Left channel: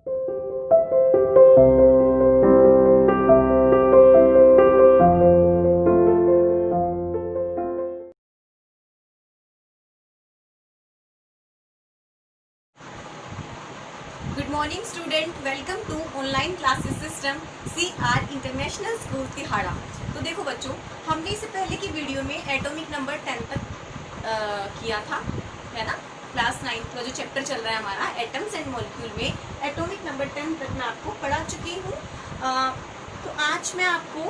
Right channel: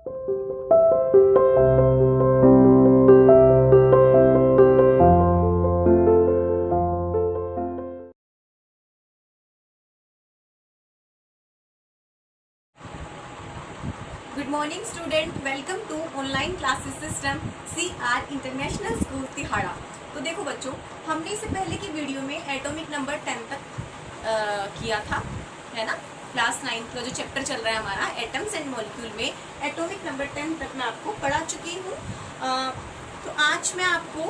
Good morning student, welcome to online classes system CR international school तिहाड़ा। तो देखो बच्चों, हमने इससे पहले की वीडियो में एटॉमिक नंबर 10 तक किया था, है ना। क्लास 9 का जो चैप्टर चल रहा है हमारा एटम्स एंड मॉलिक्यूल में एटॉमिक नंबर 10 तक मैं आपको पढ़ा चुकी हूँ। तो आज मैं आपको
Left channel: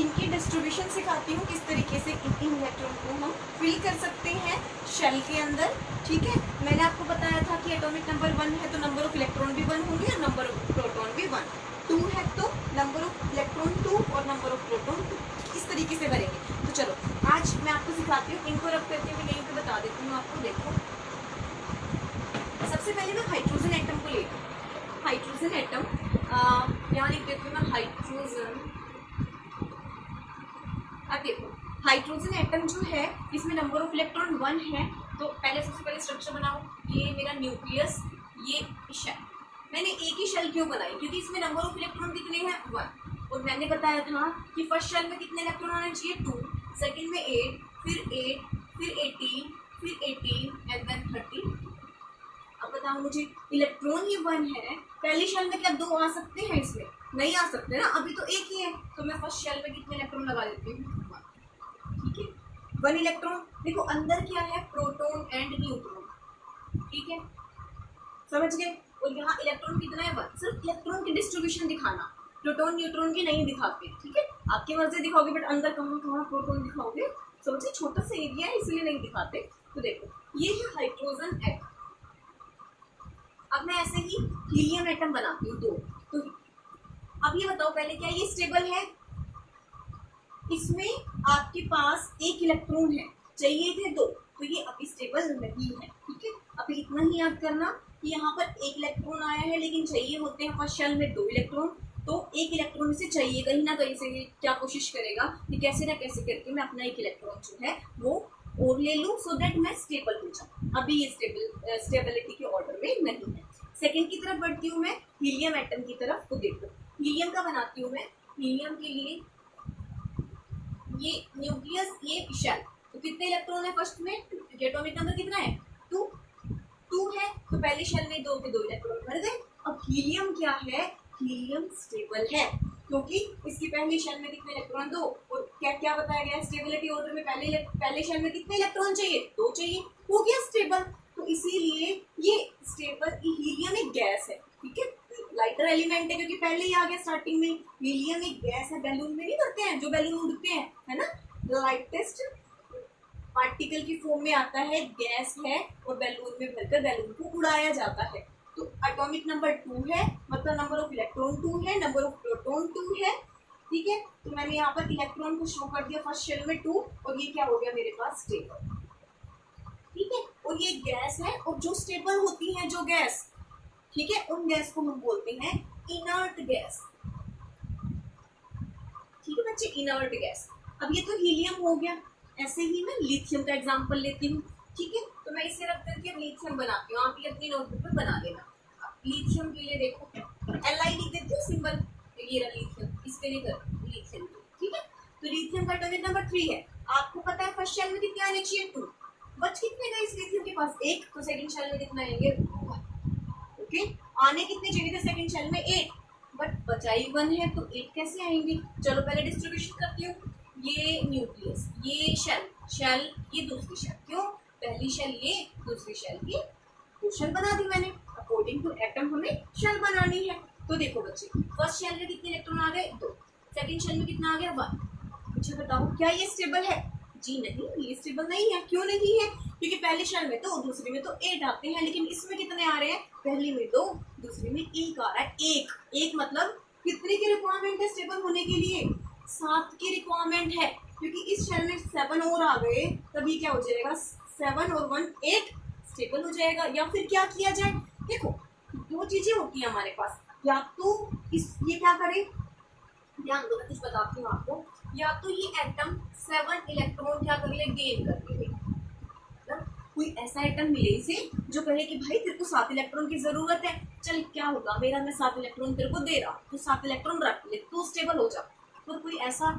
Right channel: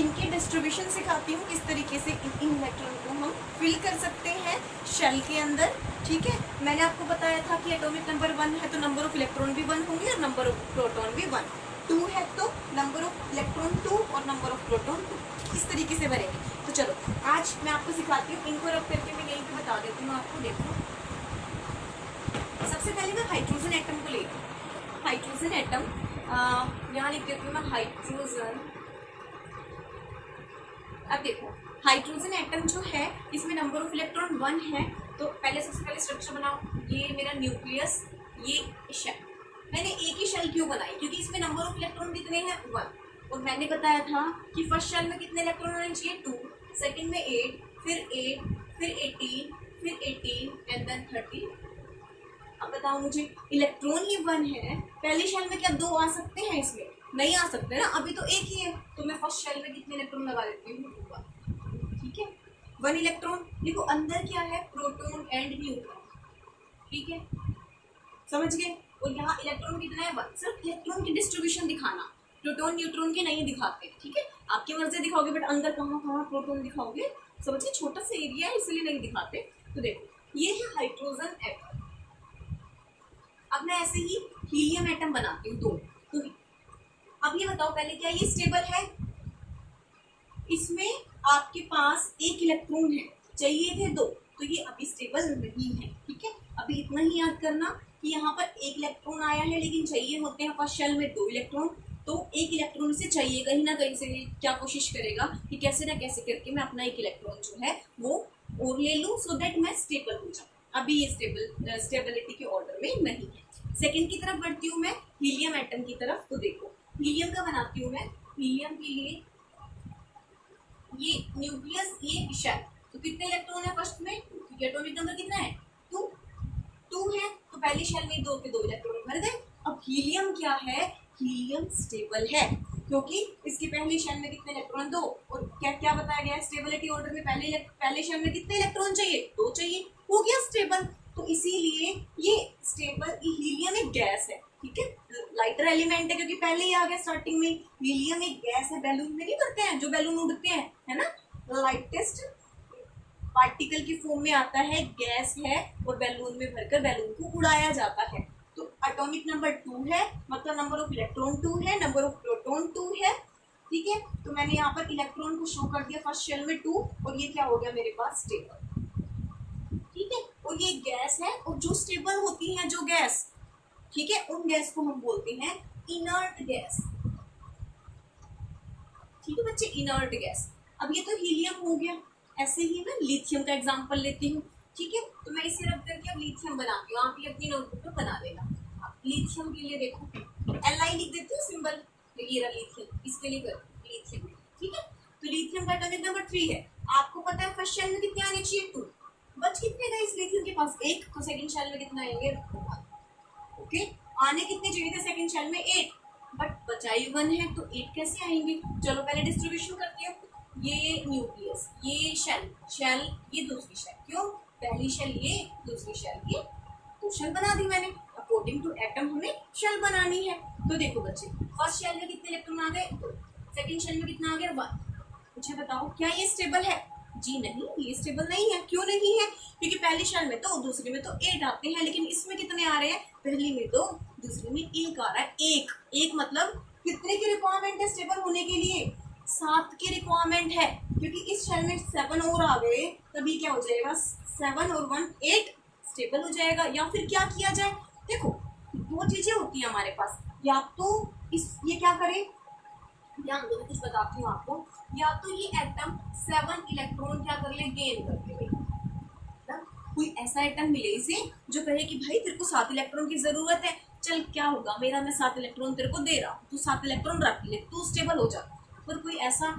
इनकी डिस्ट्रीब्यूशन सिखाती हूँ, किस तरीके से इन इलेक्ट्रॉन को हम फिल कर सकते हैं शेल के अंदर। ठीक है, मैंने आपको बताया था कि एटॉमिक नंबर 1 है तो नंबर ऑफ इलेक्ट्रॉन भी 1 होंगे और नंबर ऑफ प्रोटॉन भी 1। 2 है तो नंबर ऑफ इलेक्ट्रॉन 2 और नंबर ऑफ प्रोटॉन 2, इस तरीके से भरेंगे। तो चलो आज मैं आपको सिखाती हूँ, इनको रब करके मैं यहीं पे बता देती हूँ आपको। देखो, सबसे पहले मैं हाइड्रोजन एटम को लेती हूँ। हाइड्रोजन एटम यहाँ लिख देती हूँ मैं हाइड्रोजन। अब देखो, हाइड्रोजन एटम जो है इसमें नंबर ऑफ इलेक्ट्रॉन 1 है। तो पहले सबसे पहले स्ट्रक्चर बनाओ। ये मेरा न्यूक्लियस, ये शेल। मैंने एक ही शेल क्यों बनाई? क्योंकि इसमें नंबर ऑफ इलेक्ट्रॉन कितने हैं? 1। और मैंने बताया था कि फर्स्ट शेल में कितने इलेक्ट्रॉन होने चाहिए? 2, सेकंड में 8, फिर 18, फिर 18 एंड देन 30। अब बताओ मुझे, इलेक्ट्रॉन ही 1 है, पहली शेल में क्या 2 आ सकते हैं? इसमें नहीं आ सकते ना, अभी तो एक ही है। तो मैं फर्स्ट शेल में कितने इलेक्ट्रॉन लगा देती हूँ? 1। ठीक है, 1 इलेक्ट्रॉन। देखो अंदर क्या है? Proton and neutron. ठीक है, समझ गए। और यहाँ इलेक्ट्रॉन कितना है? 1। सिर्फ इलेक्ट्रॉन की डिस्ट्रीब्यूशन दिखाना, प्रोटॉन न्यूट्रॉन की नहीं दिखाते। ठीक है, आपकी मर्जी दिखाओगे, बट अंदर कहाँ कहाँ प्रोटॉन दिखाओगे? समझिए, छोटा सा एरिया है इसलिए नहीं दिखाते। तो देखो, ये है हाइड्रोजन एटम। अब मैं ऐसे ही हीलियम एटम बनाती हूँ 2। तो अब ये बताओ पहले, क्या ये स्टेबल है? इसमें आपके पास 1 इलेक्ट्रॉन है, चाहिए थे 2, तो ये अभी स्टेबल नहीं है। ठीक है, अभी इतना ही याद करना कि यहाँ पर 1 इलेक्ट्रॉन आया है, लेकिन चाहिए होते हैं फर्स्ट शेल में 2 इलेक्ट्रॉन। तो 1 इलेक्ट्रॉन से चाहिए, कहीं ना कहीं से क्या कोशिश करेगा कि कैसे ना कैसे करके मैं अपना 1 इलेक्ट्रॉन जो है वो और ले लूँ, सो दैट मैं स्टेबल हो जाऊँ। अभी ये स्टेबिलिटी के ऑर्डर में नहीं है। सेकेंड की तरफ बढ़ती हूँ मैं, हीलियम एटम की तरफ। तो देखो, हीलियम का बनाती हूँ मैं। हीलियम के लिए ये न्यूक्लियस, ये शेल। तो कितने इलेक्ट्रॉन है फर्स्ट में? क्योंकि एटॉमिक नंबर कितना है? 2 है, तो पहले शेल में 2 के 2 इलेक्ट्रॉन भर गए। अब हीलियम क्या है? हीलियम स्टेबल है, क्योंकि इसकी पहली शेल में कितने इलेक्ट्रॉन? 2। और क्या क्या बताया गया है स्टेबिलिटी ऑर्डर में? पहले शेल में कितने इलेक्ट्रॉन चाहिए? 2 चाहिए, हो गया स्टेबल। तो इसीलिए ये स्टेबल, हीलियम एक गैस है। ठीक है, लाइटर एलिमेंट है, क्योंकि पहले ही आ गया स्टार्टिंग में। हीलियम एक गैस है, बैलून में नहीं भरते हैं जो बैलून उड़ते हैं, है ना। लाइटेस्ट पार्टिकल की फॉर्म में आता है, गैस है, और बैलून में भरकर बैलून को उड़ाया जाता है। तो एटॉमिक नंबर 2 है, मतलब नंबर ऑफ इलेक्ट्रॉन 2 है, नंबर ऑफ प्रोटॉन 2 है। ठीक है, तो मैंने यहाँ पर इलेक्ट्रॉन को शो कर दिया फर्स्ट शेल में 2, और ये क्या हो गया मेरे पास? स्टेबल। ठीक है, और ये गैस है, और जो स्टेबल होती है जो गैस, ठीक है, उन गैस को हम बोलते हैं इनर्ट गैस। ठीक है बच्चे, इनर्ट गैस। अब ये तो हीलियम हो गया। ऐसे ही मैं लिथियम का एग्जांपल लेती हूँ। ठीक है, तो मैं इसे रख करके अब लिथियम बनाती हूँ। आप ये अपनी नोटबुक पे बना देना। लिथियम के लिए देखो, Li लिख देती हूँ सिंबल, तो ये रहा लिथियम। इसके लिए कर लिथियम। ठीक है, तो लिथियम का एटॉमिक नंबर 3 है। आपको पता है फर्स्ट शेल में कितने आने चाहिए? 2। बच कितने गए इस लिथियम के पास? 1। तो सेकंड शेल में कितने आएंगे? 1। ओके, आने कितने चाहिए थे सेकंड शेल में? 8, बट बचाई 1 है, तो 8 कैसे आएंगे? चलो पहले डिस्ट्रीब्यूशन करती हूँ। ये न्यूक्लियस, ये शेल, ये दूसरी शेल। क्यों? पहली शेल ये, दूसरी शेल ये, 2 शेल बना दी मैंने। अकॉर्डिंग टू एटम हमें शेल बनानी है। तो देखो बच्चे, फर्स्ट शेल में कितने इलेक्ट्रॉन आ गए? 2। सेकंड शेल में कितना आ गया? 1। मुझे बताओ, क्या ये स्टेबल है? जी नहीं, ये स्टेबल नहीं है। क्यों नहीं है? क्योंकि पहली शेल में तो, दूसरी में तो 8 आते हैं, लेकिन इसमें कितने आ रहे हैं? पहली में 2, दूसरी में 1 आ रहा है। एक मतलब कितने की रिक्वायरमेंट है स्टेबल होने के लिए? 7 की रिक्वायरमेंट है, क्योंकि इस शेल में 7 और आ गए, तभी क्या हो जाएगा? 7 और 1 8 स्टेबल हो जाएगा। या फिर क्या किया जाए? देखो, 2 चीजें होती है हमारे पास। या तो ये क्या करे, ध्यान दो, मैं कुछ बताती हूँ आपको। या तो ये एटम 7 इलेक्ट्रॉन क्या कर ले? गेन कर ले। कोई ऐसा एटम मिले इसे जो कहे कि भाई तेरे को 7 इलेक्ट्रॉन की जरूरत है, चल क्या होगा मेरा, मैं 7 इलेक्ट्रॉन तेरे को दे रहा हूँ, तू 7 इलेक्ट्रॉन रख ले, तू स्टेबल हो जा। पर कोई ऐसा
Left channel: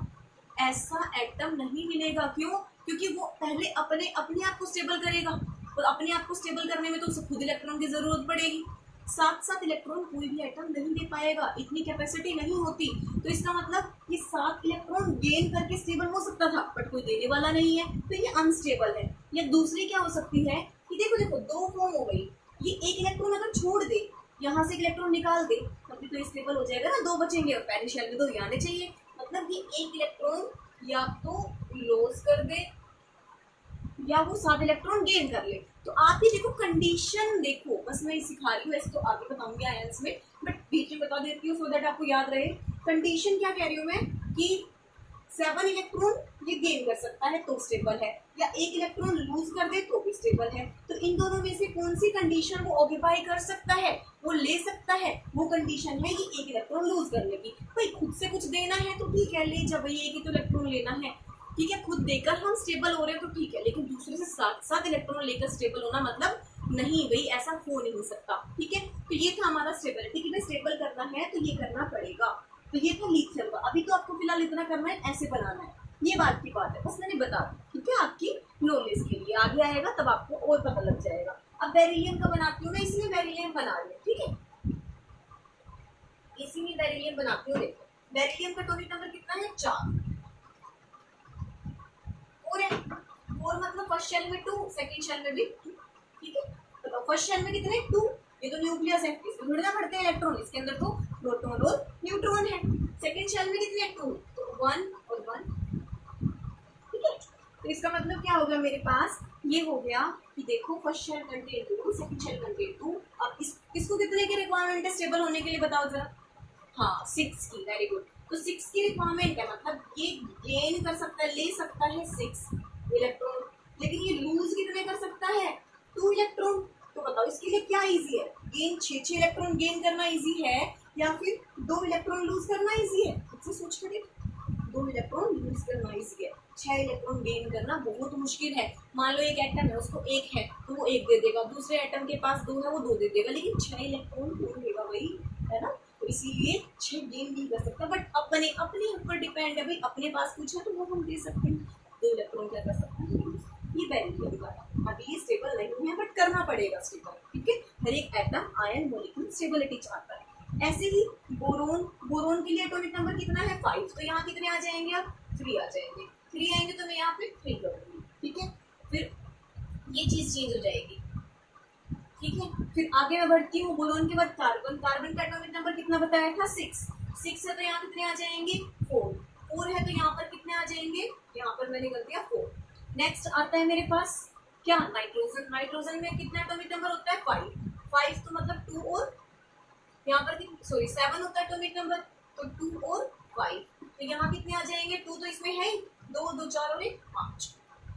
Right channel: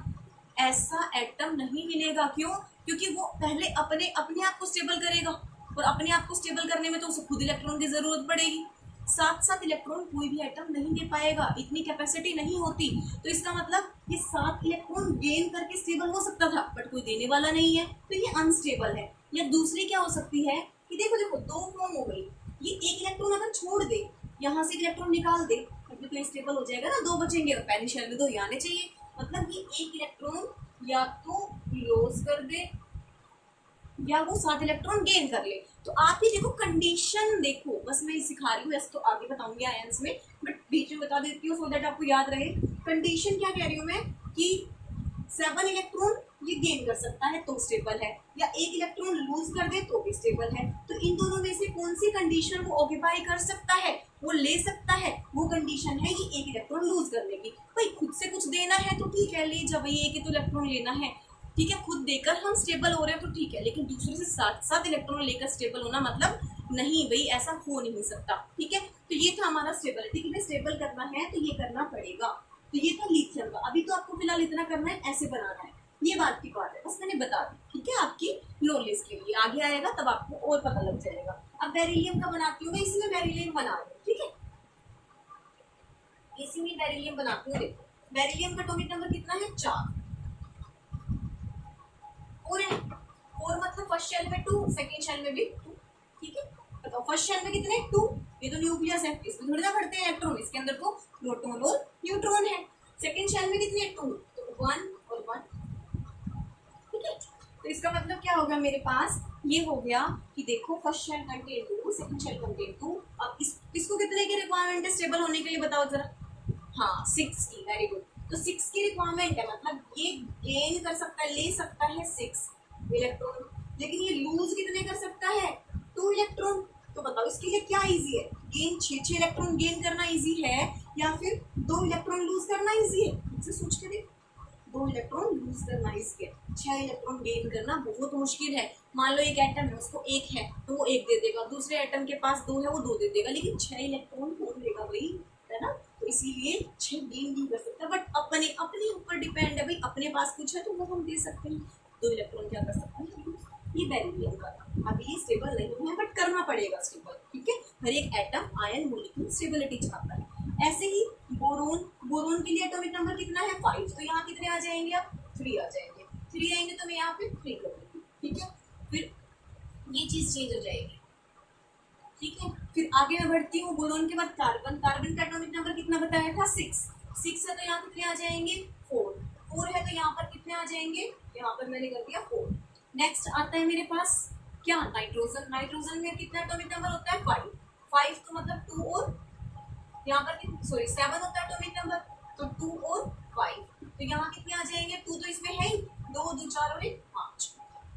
ऐसा एटम नहीं मिलेगा। क्यों? क्योंकि वो पहले अपने अपने आप को स्टेबल करेगा, और अपने आप को स्टेबल करने में तो उसे खुद इलेक्ट्रॉन की जरूरत पड़ेगी। 7 इलेक्ट्रॉन कोई भी एटम नहीं दे पाएगा, इतनी कैपेसिटी नहीं होती। तो इसका मतलब ये 7 इलेक्ट्रॉन गेन करके स्टेबल हो सकता था, बट कोई देने वाला नहीं है, तो ये अनस्टेबल है। या दूसरी क्या हो सकती है कि देखो देखो 2 फॉर्म हो गई, ये एक इलेक्ट्रॉन अगर छोड़ दे, यहाँ से एक इलेक्ट्रॉन निकाल दे, तब तो स्टेबल हो जाएगा ना, 2 बचेंगे, और पहले शेल में 2 ही आने चाहिए। मतलब ये एक इलेक्ट्रॉन या तो लॉस कर दे या वो 7 इलेक्ट्रॉन गेन कर ले। तो आप ही देखो कंडीशन देखो, बस मैं सिखा रही हूँ, ऐसे तो आगे बताऊंगी आयंस में, बट बीच में बता देती हूँ सो दैट आपको याद रहे। कंडीशन क्या कह रही हूँ मैं कि 7 इलेक्ट्रॉन ये गेन कर सकता है तो स्टेबल है, या एक इलेक्ट्रॉन लूज कर दे तो भी स्टेबल है। तो इन दोनों में से कौन सी कंडीशन वो ऑक्यूपाई कर सकता है, वो ले सकता है, वो कंडीशन है ये एक इलेक्ट्रॉन लूज करने की। भाई खुद से कुछ देना है तो ठीक है, ले जब भाई एक ही तो इलेक्ट्रॉन लेना है, ठीक है, खुद देकर हम स्टेबल हो रहे हैं तो ठीक है, लेकिन दूसरे से 7 इलेक्ट्रॉन लेकर स्टेबल होना मतलब नहीं भाई, ऐसा हो नहीं सकता। ठीक है, तो ये था हमारा स्टेबिलिटी कि स्टेबल करना है तो ये करना पड़ेगा। तो ये था लिथियम का। अभी तो आपको फिलहाल इतना करना है, ऐसे बनाना है, ये बात की बात है, बस मैंने बता दी, ठीक है, आपकी नॉलेज के लिए। आगे आएगा तब आपको और पता लग जाएगा। अब बेरिलियम का बनाती हूँ मैं, इसी में बेरिलियम बना रही हूँ, ठीक है, इसी में बेरिलियम बनाती हूँ। देखो बेरिलियम का एटॉमिक नंबर कितना है, 4 और है, और मतलब फर्स्ट शेल में 2, सेकंड शेल में भी 2, ठीक है। बताओ फर्स्ट शेल में कितने 2, ये तो न्यूक्लियस है, इसमें थोड़ी ना पढ़ते हैं इलेक्ट्रॉन, इसके अंदर तो प्रोटॉन और न्यूट्रॉन है। सेकंड शेल में कितने 2, तो 1 और 1, ठीक है। तो इसका मतलब क्या हो गया मेरे पास, ये हो गया कि देखो first shell contain 2, second shell contain 2। अब इसको कितने की रिक्वायरमेंट है स्टेबल होने के लिए, बताओ जरा। हाँ 6 की, वेरी गुड। तो 6 की रिक्वायरमेंट है, मतलब ये गेन कर सकता है, ले सकता है 6 इलेक्ट्रॉन, लेकिन ये लूज कितने कर सकता है, 2 इलेक्ट्रॉन। तो बताओ इसके लिए क्या इजी है, गेन 6 इलेक्ट्रॉन गेन करना इजी है या फिर 2 इलेक्ट्रॉन लूज करना इजी है, मुझसे सोच के देख। 2 इलेक्ट्रॉन लूज करना इजी है, 6 इलेक्ट्रॉन गेन करना बहुत मुश्किल है। मान लो एक एटम है, उसको 1 है तो वो 1 दे देगा, दूसरे एटम के पास 2 है वो 2 दे देगा, लेकिन 6 इलेक्ट्रॉन कौन देगा भाई, है ना। तो इसीलिए 6 गेन नहीं कर सकता, बट अपने अपने ऊपर डिपेंड है भाई, अपने पास कुछ है तो वो हम दे सकते हैं। 2 इलेक्ट्रॉन क्या कर सकते हैं, ये बेरिलियम का। अभी ये स्टेबल नहीं है बट करना पड़ेगा स्टेबल, ठीक है। हर एक एटम आयन मॉलिक्यूल स्टेबिलिटी चाहता है। ऐसे ही बोरोन, बोरोन के लिए एटॉमिक नंबर कितना है 5, तो यहाँ कितने आ जाएंगे, अब 3 आ जाएंगे, 3 आएंगे तो मैं यहाँ पे 3 करूँगी, ठीक है। फिर ये चीज़ चेंज हो जाएगी, ठीक है। फिर आगे मैं बढ़ती हूँ, बोरोन के बाद कार्बन, कार्बन का एटॉमिक नंबर कितना बताया था 6 है, तो यहाँ कितने आ जाएंगे 4 है, तो यहाँ पर कितने आ जाएंगे, यहाँ पर मैंने कर दिया 4। नेक्स्ट आता है मेरे पास क्या, नाइट्रोजन। नाइट्रोजन में कितना एटॉमिक नंबर होता है 5 तो मतलब 2 और यहाँ पर सॉरी 7 होता है एटॉमिक नंबर, तो 2 और 5, तो यहाँ कितने आ जाएंगे, 2 तो इसमें है ही, 2 2 4 और 1 5,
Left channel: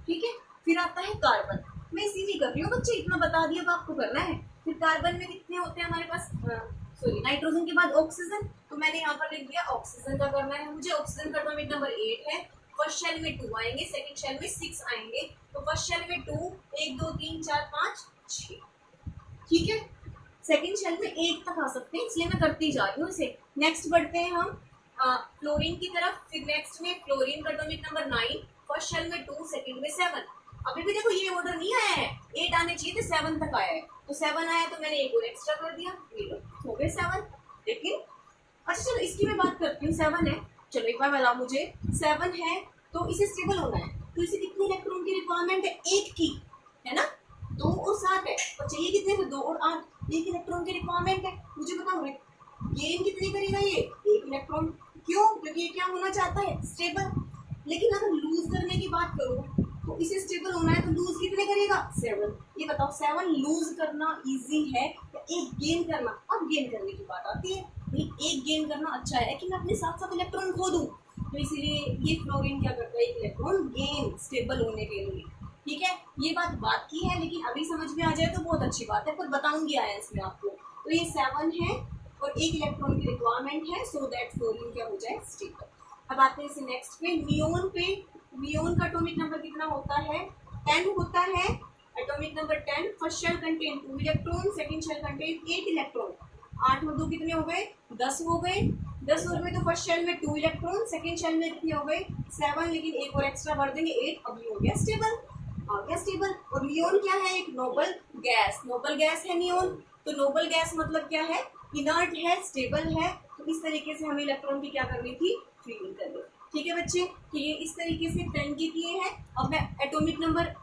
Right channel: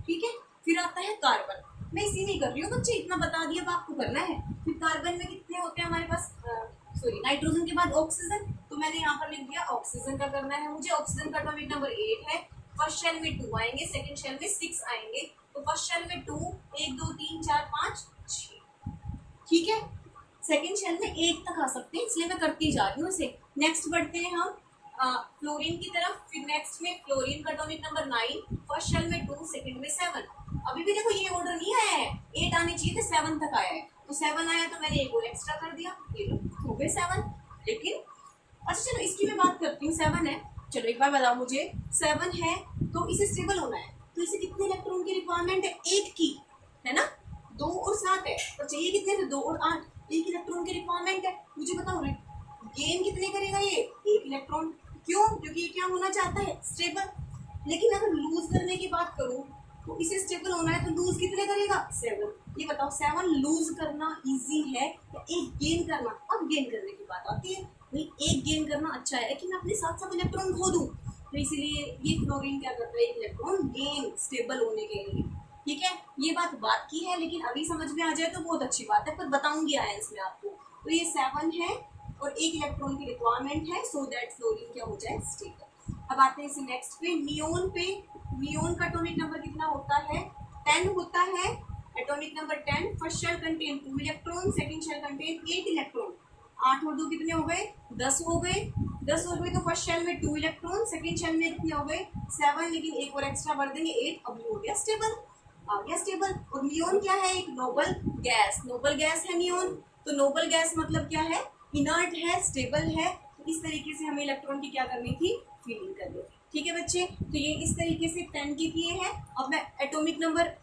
ठीक है। फिर आता है कार्बन, मैं इसी नहीं कर रही हूँ बच्चे, इतना बता दिया, अब आपको करना है। फिर कार्बन में कितने होते हैं हमारे पास, सॉरी नाइट्रोजन के बाद ऑक्सीजन, तो मैंने यहाँ पर लिख दिया ऑक्सीजन का करना है मुझे। ऑक्सीजन का एटॉमिक नंबर 8 है, फर्स्ट शेल में 2 आएंगे, सेकंड शेल में 6 आएंगे, तो फर्स्ट शेल में 2, 1 2 3 4 5 6, ठीक है। सेकंड शेल में 1 तक आ सकते हैं, इसलिए मैं करती जा रही हूँ इसे। नेक्स्ट बढ़ते हैं हम फ्लोरीन की तरफ। फिर नेक्स्ट में फ्लोरीन का एटॉमिक नंबर 9, फर्स्ट शेल में 2, सेकंड में 7। अभी भी देखो ये ऑर्डर नहीं आया है, 8 आने चाहिए थे, 7 तक आया है, तो 7 आया तो मैंने एक और एक्स्ट्रा कर दिया, ये लो हो गए 7। लेकिन अच्छा चलो इसकी मैं बात करती हूँ, 7 है, चलो एक बार बताओ मुझे, 7 है तो इसे स्टेबल होना है, तो इसे कितने इलेक्ट्रॉन की रिक्वायरमेंट है, 1 की, है ना। 2 और 7 है, और चाहिए कितने थे, 2 और 8, 1 इलेक्ट्रॉन की रिक्वायरमेंट है। मुझे बताओ गेन कितने करेगा ये, 1 इलेक्ट्रॉन। क्यों, क्योंकि ये क्या होना चाहता है, स्टेबल। लेकिन अगर लूज करने की बात करो तो इसे स्टेबल होना है तो लूज कितने करेगा, 7। ये बताओ 7 लूज करना इजी है या 1 गेन करना। अब गेन करने की बात आती है, भाई 1 गेन करना अच्छा है कि मैं अपने साथ इलेक्ट्रॉन खो दूं, तो इसीलिए ये फ्लोरीन क्या करता है, 1 इलेक्ट्रॉन गेन स्टेबल होने के लिए, ठीक है। ये बात की है, लेकिन अभी समझ में आ जाए तो बहुत अच्छी बात है, पर बताऊंगी आयंस में आपको। तो ये 7 है और 1 इलेक्ट्रॉन की रिक्वायरमेंट है, सो दैट फ्लोरीन क्या हो जाए, स्टेबल। अब आते हैं इसे नेक्स्ट पे, नियोन पे। नियोन का एटॉमिक नंबर कितना होता है, 10 होता है, atomic number 10, first shell contain 2 electron, second shell contain 8 electron. 8 और 2 कितने हो गए? 10 हो गए। 10 हो गए तो फर्स्ट शेल में 2 इलेक्ट्रॉन, सेकंड शेल में कितने हो गए? 7, लेकिन एक और एक्स्ट्रा भर देंगे 8, अभी हो गया स्टेबल, आ गया स्टेबल। और नियोन क्या है? एक नोबल गैस, नोबल गैस है नियोन। तो नोबल गैस मतलब क्या है? इनर्ट है, स्टेबल है। तो इस तरीके से हमें इलेक्ट्रॉन की क्या करनी थी? फीलिंग करनी। ठीक है बच्चे, तो ये इस तरीके से 10 के किए हैं। अब मैं एटॉमिक नंबर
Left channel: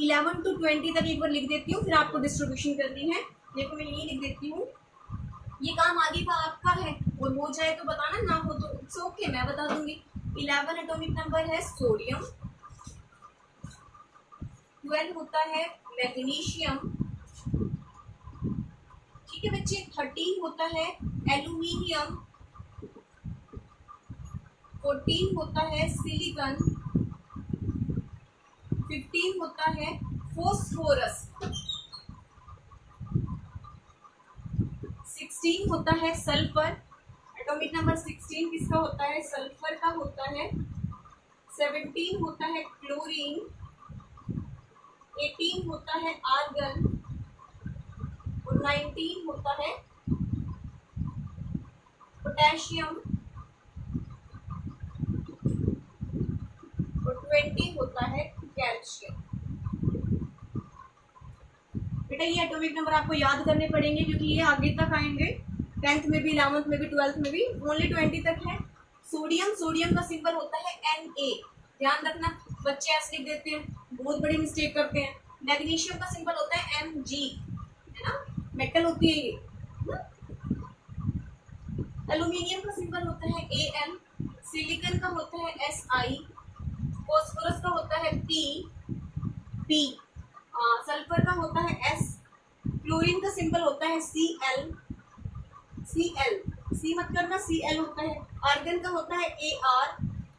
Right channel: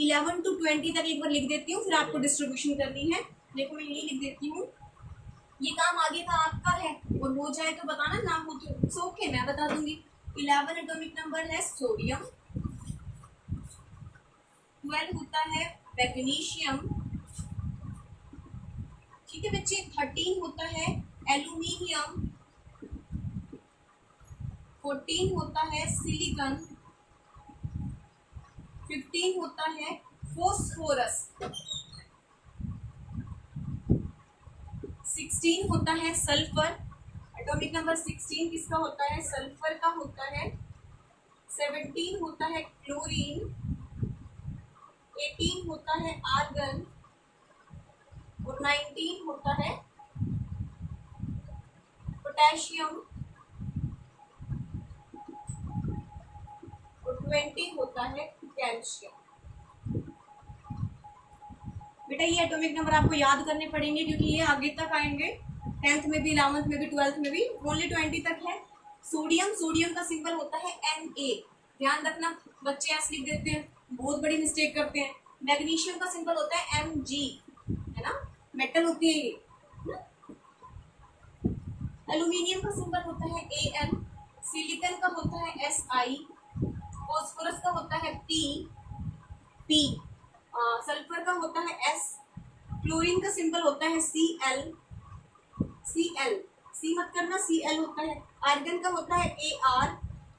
11 to 20 तक एक बार लिख देती हूँ, फिर आपको डिस्ट्रीब्यूशन करनी है। देखो मैं यही लिख देती हूँ, ये काम आगे का आपका है, और हो जाए तो बताना, ना हो तो इट्स ओके, मैं बता दूंगी। 11 एटॉमिक नंबर है सोडियम, 12 होता है मैग्नीशियम, ठीक है बच्चे। 13 होता है एल्यूमिनियम, 14 होता है सिलिकॉन, 15 होता है फोस्फोरस, 16 होता है सल्फर। एटॉमिक नंबर 16 किसका होता है? सल्फर का होता है। 17 होता है क्लोरीन, 18 होता है आर्गन, और 19 होता है पोटेशियम, और 20 होता है कैल्शियम। बेटा ये एटॉमिक नंबर आपको याद करने पड़ेंगे, क्योंकि ये आगे तक आएंगे, 10th में भी, 11th में भी, 12th में भी। ओनली 20 तक है। सोडियम, सोडियम का सिंबल होता है Na, ध्यान रखना, बच्चे ऐसे लिख देते हैं, बहुत बड़ी मिस्टेक करते हैं। मैग्नीशियम का सिंबल होता है Mg, है ना, मेटल होती है ये। एल्यूमिनियम का सिंबल होता है Al, सिलिकॉन का होता है Si, फॉस्फोरस का होता है P, सल्फर का होता है S, क्लोरीन का सिंबल होता है Cl, सी मत करना, Cl होता है। आर्गन का होता है Ar,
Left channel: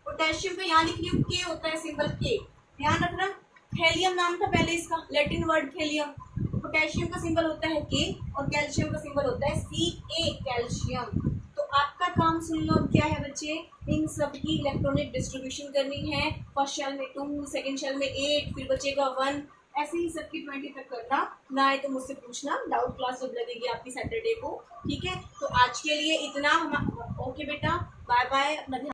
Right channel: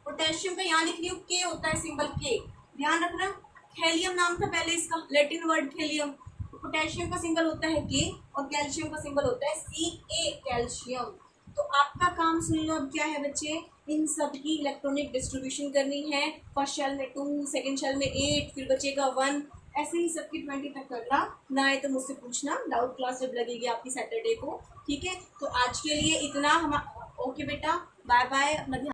पोटेशियम का यहाँ लिख लियो K होता है सिंबल K, ध्यान रखना। थैलियम नाम था पहले इसका, लैटिन वर्ड थैलियम। पोटेशियम का सिंबल होता है K, और कैल्शियम का सिंबल होता है Ca, कैल्शियम। तो आपका काम सुन लो अब क्या है बच्चे, इन सब की इलेक्ट्रॉनिक डिस्ट्रीब्यूशन करनी है। फर्स्ट शेल में 2, सेकंड शेल में 8, फिर बचेगा 1, ऐसे ही सबकी 20 तक करना। ना आए तो मुझसे पूछना, डाउट क्लास जब लगेगी आपकी सैटरडे को, ठीक है। तो आज के लिए इतना हम, ओके बेटा, बाय बाय, अपना ध्यान